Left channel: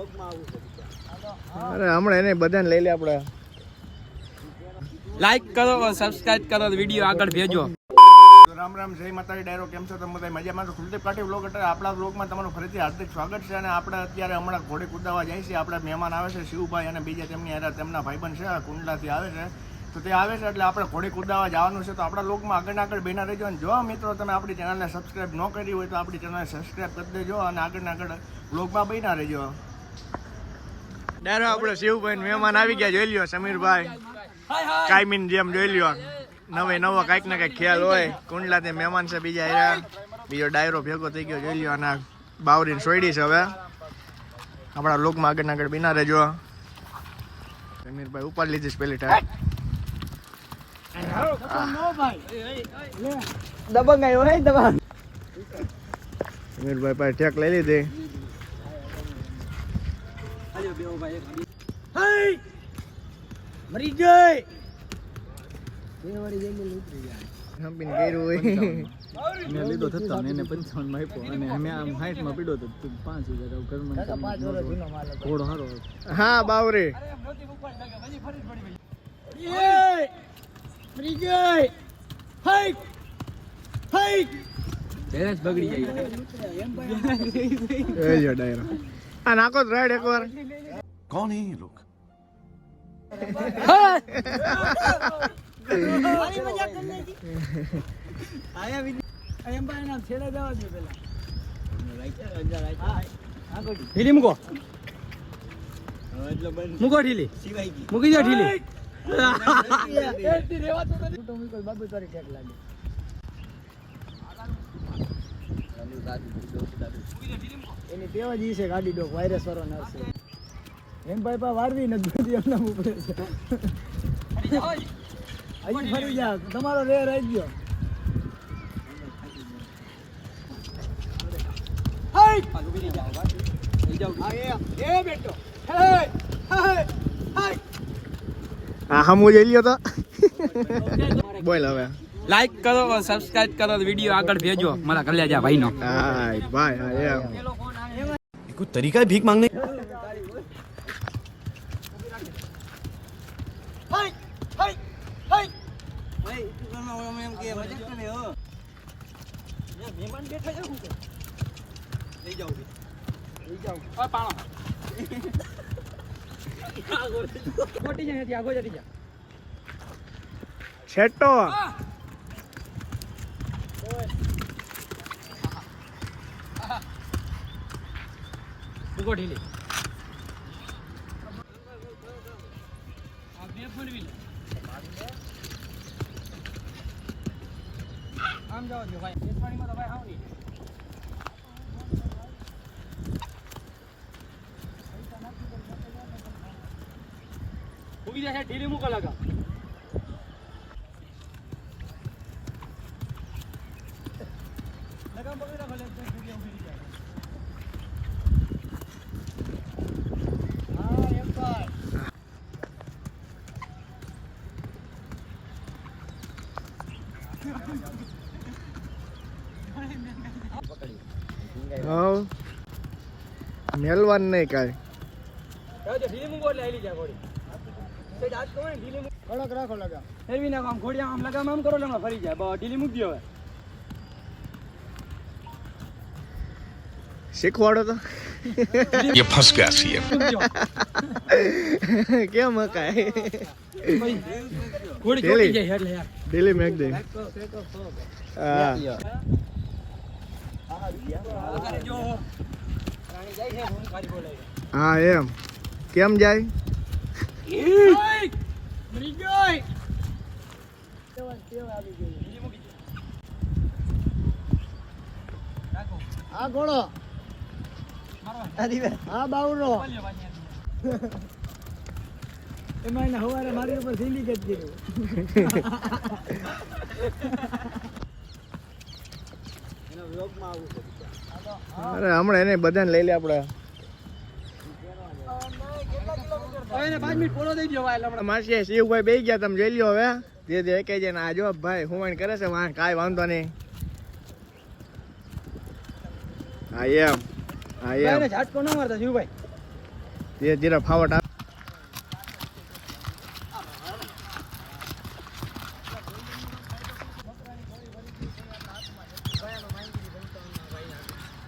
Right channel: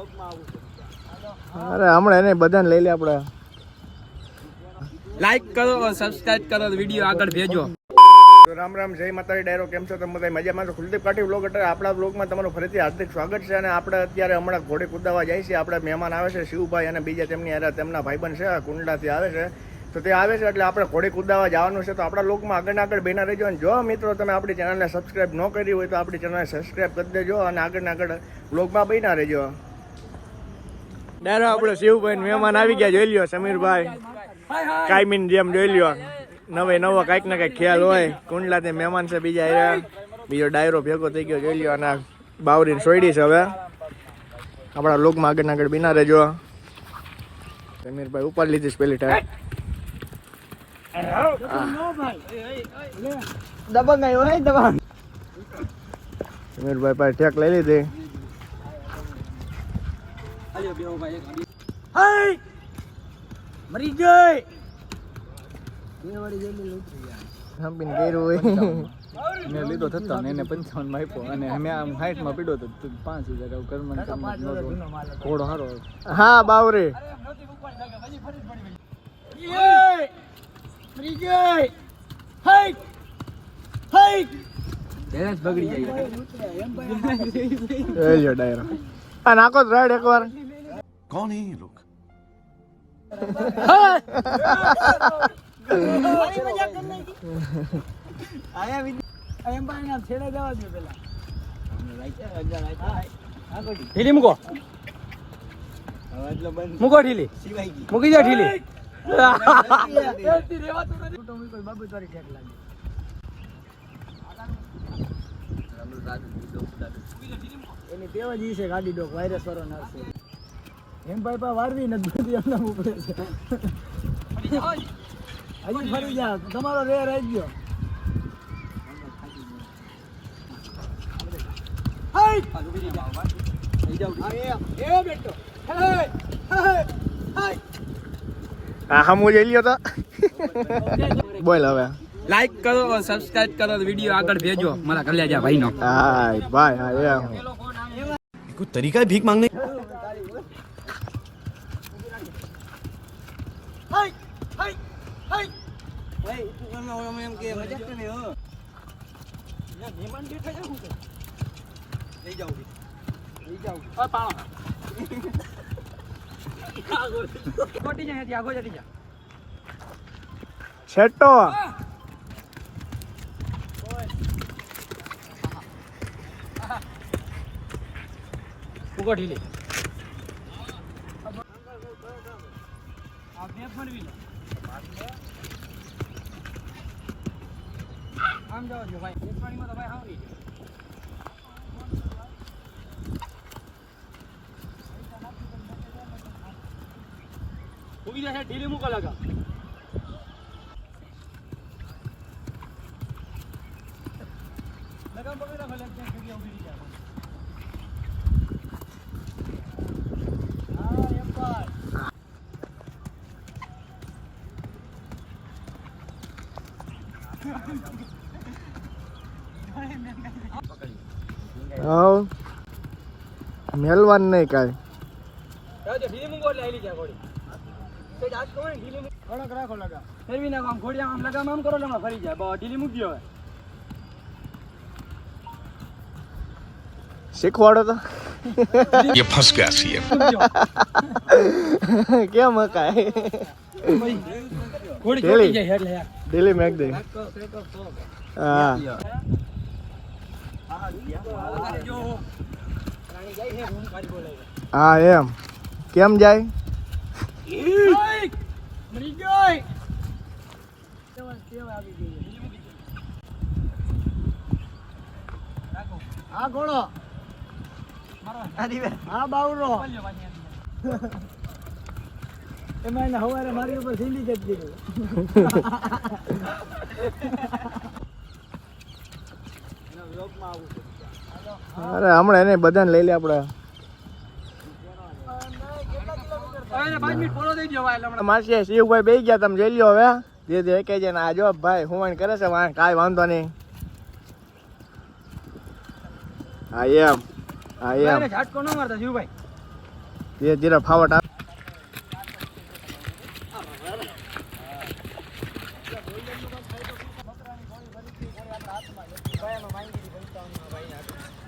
અરે હમણાં એને બધાને લઈ લે આપણે. લાઈક કરો, સબસ્ક્રાઇબ કરો, વિડીયો આગળ ભેજો. રામ રામ, જય માતાજી. ડાયરો કેમ છો તમે બધા? મજામાં છો? કુલદીપ કાઠી વ્લોગ એટલે આપણા વ્લોગમાં તમારું ફરીથી હાર્દિક સ્વાગત છે. અને આપણે અત્યારે હમણાં ઘોડે કુદાવા જાય છે. આપણા મહેમાન આવે છે શિવભાઈ અને બીજા તેમની હારે તેમના ભાઈબંધ છે કુંડલાથી આવે છે. તો તે આવે છે એટલે આપણે ઘોડે કુદાવા જવાનું છે. તો આપણા વ્લોગમાં આગળ બેના રહેજો. અને જો મિત્રો તમે આપણી ચેનલને સબસ્ક્રાઇબ ન કરી હોય તો આપણી ચેનલને સબસ્ક્રાઇબ કરી દેજો અને આગળ વ્લોગમાં બેના રહેજો. ડાયરો આપણે શિવભાઈ મહેમાન આવી ગયા, જોઈ લ્યો. સમીરભાઈ કાયમીન જેમ જોઈ લ્યો, નવો કાંઈક ને કાંઈક ખ્યાલ હોય. કુંડલાથી મહેમાન છે બીજા આવ્યા, બીજો ડાયરો ભેગો થઈ ગયો, જોઈ લ્યો. અને બાવરીને સોયડી છે. હવે આપણા લોકમાં આગળ બીના રહેજો. સમીરભાઈ ઉપર લીધીશ પેલી ટાઈમ. સમીરભાઈ પાસે ઠેક લઈ લીધી. મરી ગઈ મેં લીધો થતો ને એને 55 માં આપ્યો અને અમે આમ 60 માં પીડ્યો તો 5000 ઘરમાં ઘોડો હારો. હા બાવરી બેલેન્સ બગડી જાય. ડાયરો આ નાખો રાઈડ એકવાર. कौन है ये लोग? ઢીલી મૂકો, મૂકો ઢીલી, મૂકી દો ઢીલી. એની તેવા જ છે ગાડી ડોક વાયરસ વાળો નાખશે. એમ ભાઈ પા વારવી નથી એમને ઉપડે છે. હજી ફરી જા, તમારો રેર આવી ગયો. હમું જઈ લ્યો તો બોલ હવે. લાઈક કરો, સબસ્ક્રાઇબ કરો, વિડીયો આગળ ભેજો મારા કલ્યાજા ભાઈ નો. હાય ભાઈ હા એમ कोई तरीका है भीख मांगने? છેટો મૂકો ઢીલી. આમ જાઓ છો ભાઈ, એક પાણીમાં તો ભાઈ આવડી મૂકી દે. ઢીલી મૂકો લગા. લગામ પકડી રાખો, જગ્યા ઉભી જાય. મેલવાન નહીં કાંઈ. ઢીલી મૂકો એટલે આલી જાય ઘોડી. કઈ આજ કહો ને ઢીલી મૂકો, થોડોક રાખો લગા. ફેરવી નાખો. આમ ઘોડી આમ લગામ આમ કરો એટલે ફરી જાય. બસ ઢીલી મૂકી હવે. શીખવાડો તો. ये फंस गया सीएम. કેમ હકાય? ઘોડી ચોટી જાય એટલે યાર. દિલ્હી મેક દે. હા હા એમ કેમ જાય? મરી ગઈ. આ ઘોડો હા બાવરો એમાં એને હવારે મારી ઉપર સિન્ડિકેટ કર્યું. અરે હમણાં એને બધાને લઈ લે આપણે. માસી શિવભાઈ બેસી ગયા, તમે જોઈ લ્યો. હવે જે જે કહે છે ને આ જો ભાઈ હુવાણ કરે છે, કાંઈ વાંધો નહીં. હા એમ હા એમ ઝાટકો ન મારતા શિવભાઈ. તે જરા ફાવટ આ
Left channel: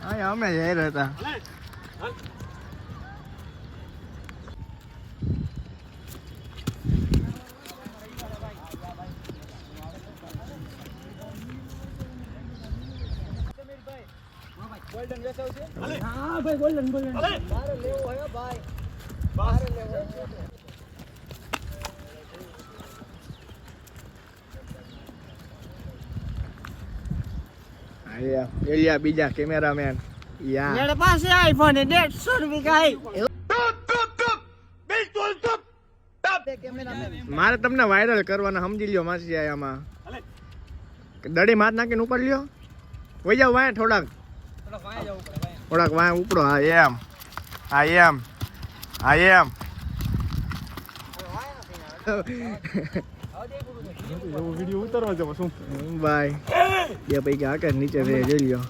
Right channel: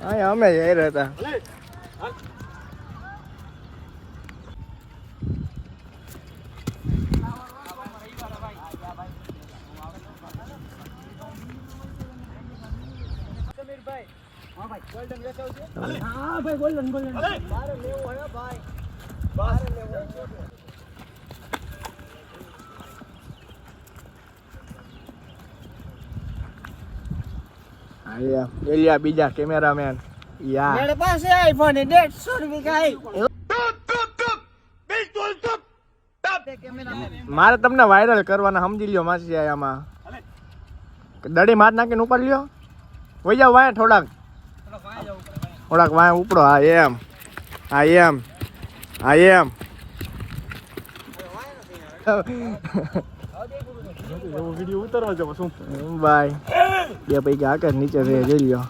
અહીંયા અમે જઈ રહ્યા હતા. હા ભાઈ ગોલ્ડન ગોલ્ડન મારે લેવો હે ભાઈ એલિયા બીજા કેમેરામેન યા मेरे पास है आईफोन है 150 का है મારે તમને વાયરલ કરવાના સમજી લ્યો માસી આમાં દડી માર નાખીને ઉપર લ્યો વઈ જાવ વાય થોડાક વાય ઉપડો હા એમ વિડીયો ઉતારવા જાવ શું બાય બે પૈકી આકાશ નીચે રે જોઈ લ્યો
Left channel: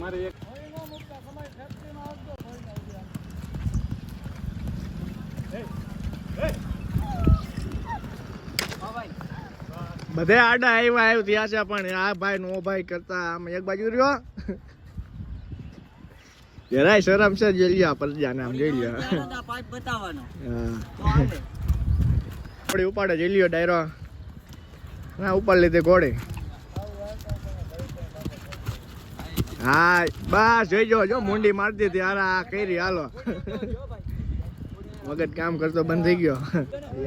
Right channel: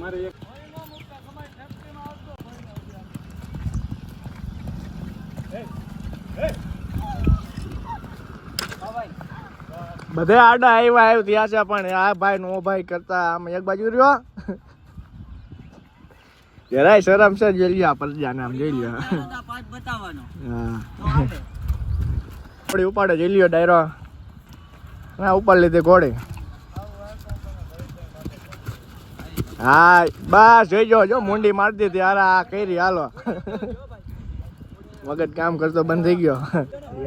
મારે એક બધે આડા આવ્યું ત્યાં છે પણ આ ભાઈ નો ભાઈ કરતા આમ એક બાજુ રહ્યો જરાય શરમ છે જોઈ લ્યો પરજાને આમ જોઈ લ્યો પાઇપ બતાવવાનો હા ઘોડી ઉપાડે જોઈ લ્યો ડાયરો ના ઉપર લીધી ઘોડી હા બસ જોઈ જો મુંડી મારી દીધી અરે આ કરી હાલો મગજ કામ કરતો બંધ થઈ ગયો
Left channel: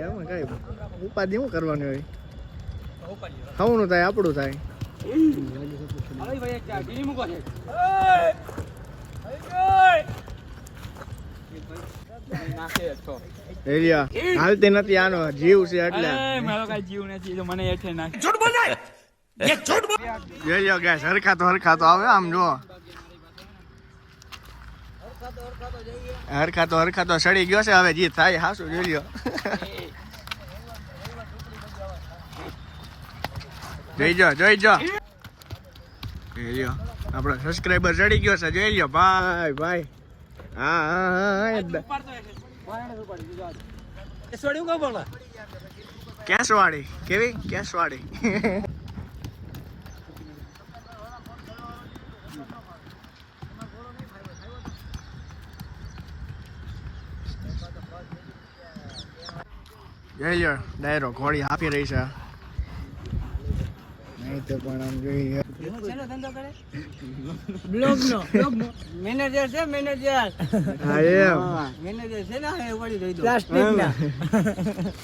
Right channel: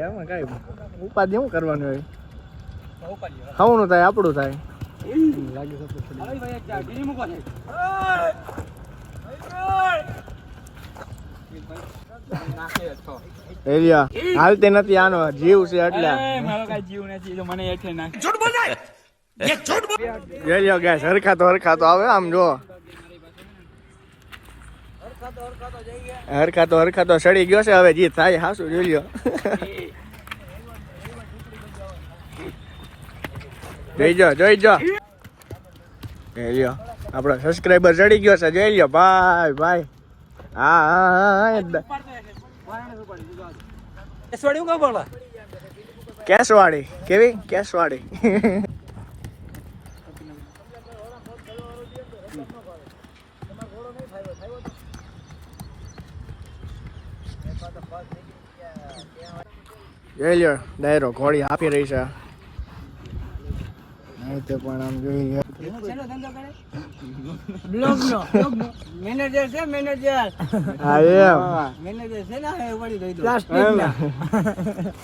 એમાં કઈ ઉપાધિ શું કરવાની હોય ખાવાનું થાય આપણું થાય એરિયા હાલતી નથી આનો જીવ છે એટલે મારો કઈ જીવ નથી મને એટલે નાખ જોઈ લ્યો ગેસ હરખા તો આવે આમ જો હરખા તો સડી ગયો છે હવે જી થાય હાસુ જોઈ લ્યો જોઈ જો જોઈ લ્યો આપણો સબસ્ક્રાઈબર ચડી ગયો છે જોઈ લ્યો ભાઈ હા કેશવાડી કેવી કેશવાડી જોઈ લ્યો ડાયરો ઘોડી આપી રહી છે નહીં તો પણ આમ જોઈએ બ્લોગ નો મેનેજર છે મેનેજર હા એમ મેનેજર છે ને એ વળી દઈ દો પ્લાસ્ટિક ના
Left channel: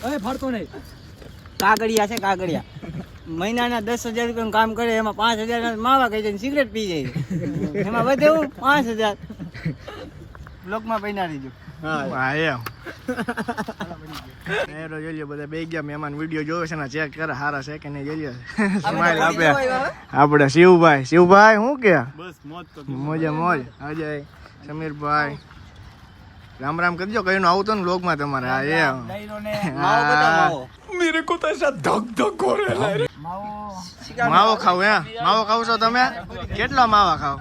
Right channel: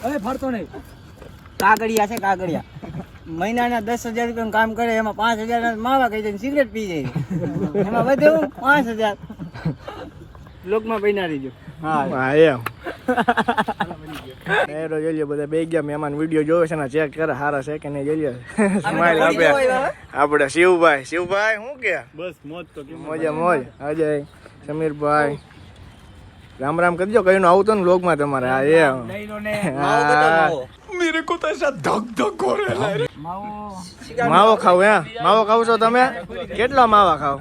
હવે ફરતો નહીં કાગડિયા છે કાગડિયા મહિનાના 10,000 રૂપિયાનું કામ કરે એમાં 5,000 ના માવા કહી દે સિગરેટ પી જાય એમાં વધે 5,000 બ્લોગમાં બન્યા રહીજો હા એમ ડાયરો જોઈ લ્યો બધા બે ગયા મહેમાન વિડીયો જોવે છે ને ચેક કરે હારા છે કે નહીં જોઈ લ્યો સ્માઈલ આપે આપણે શિવભાઈ શું કે બસ મોજ તો મોજ અજય સમીરભાઈ રામ કરજો કયું આવતો ને વ્લોગમાં તમારે હા એમ मेरे को तो ऐसा धक धक हो रहा है માવો ખાવ માવો ખાવ છો તમે કેટલા માવા ખાવ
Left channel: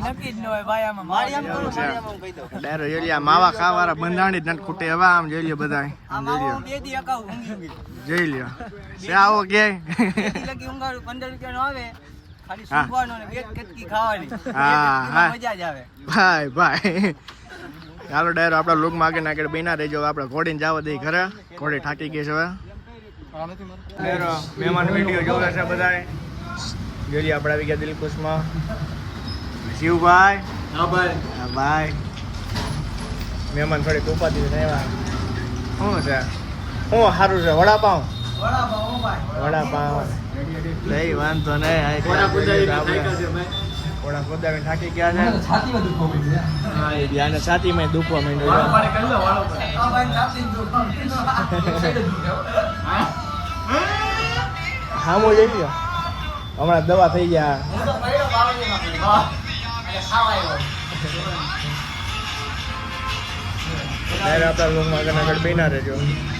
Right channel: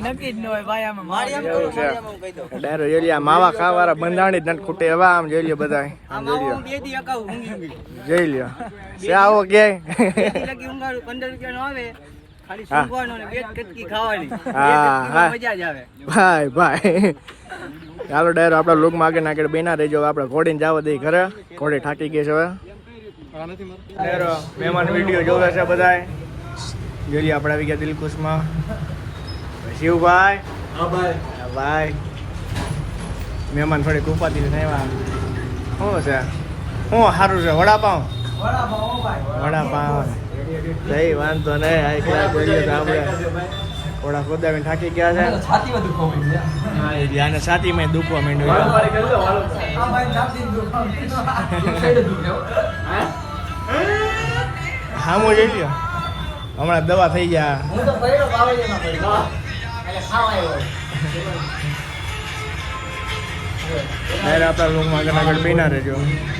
નક્કી જ ન હોય ભાઈ આમાં એવું છે ડાયરો જોઈ લ્યો માવા ખાવાળા બંધાણી જ નથી ખૂટે એવા આમ જોઈ લ્યો બધા આમ જોઈ લ્યો જોઈ લ્યો છે આવો કે 15 રૂપિયાનો આવે ખાલી સુંઘવાનો ને એક કટકી ખાવાની હા મજા જ આવે ભાઈ ચાલો ડાયરો આપણા લોકમાં આગળ નાખે બેના રહેજો આપણે ઘોડીને જવા દઈ ઘરે ઘોડી થાકી ગઈ છે હવે ડાયરો મહેમાન વિડીયો જોવે છે બધાય જોઈએ આપણે આવી ગયા દિલખુશમાં શિવભાઈ હા ભાઈ મહેમાન થોડી કૃપાથી શું છે શું સારું છે વડાપાવ નહીં વાંધો નહીં આ ક્લાસ આપણે થોડા ખોદાવીને થાકી ગયા છે સાચી મેં હમણાં દવા થઈ ગયા આપણા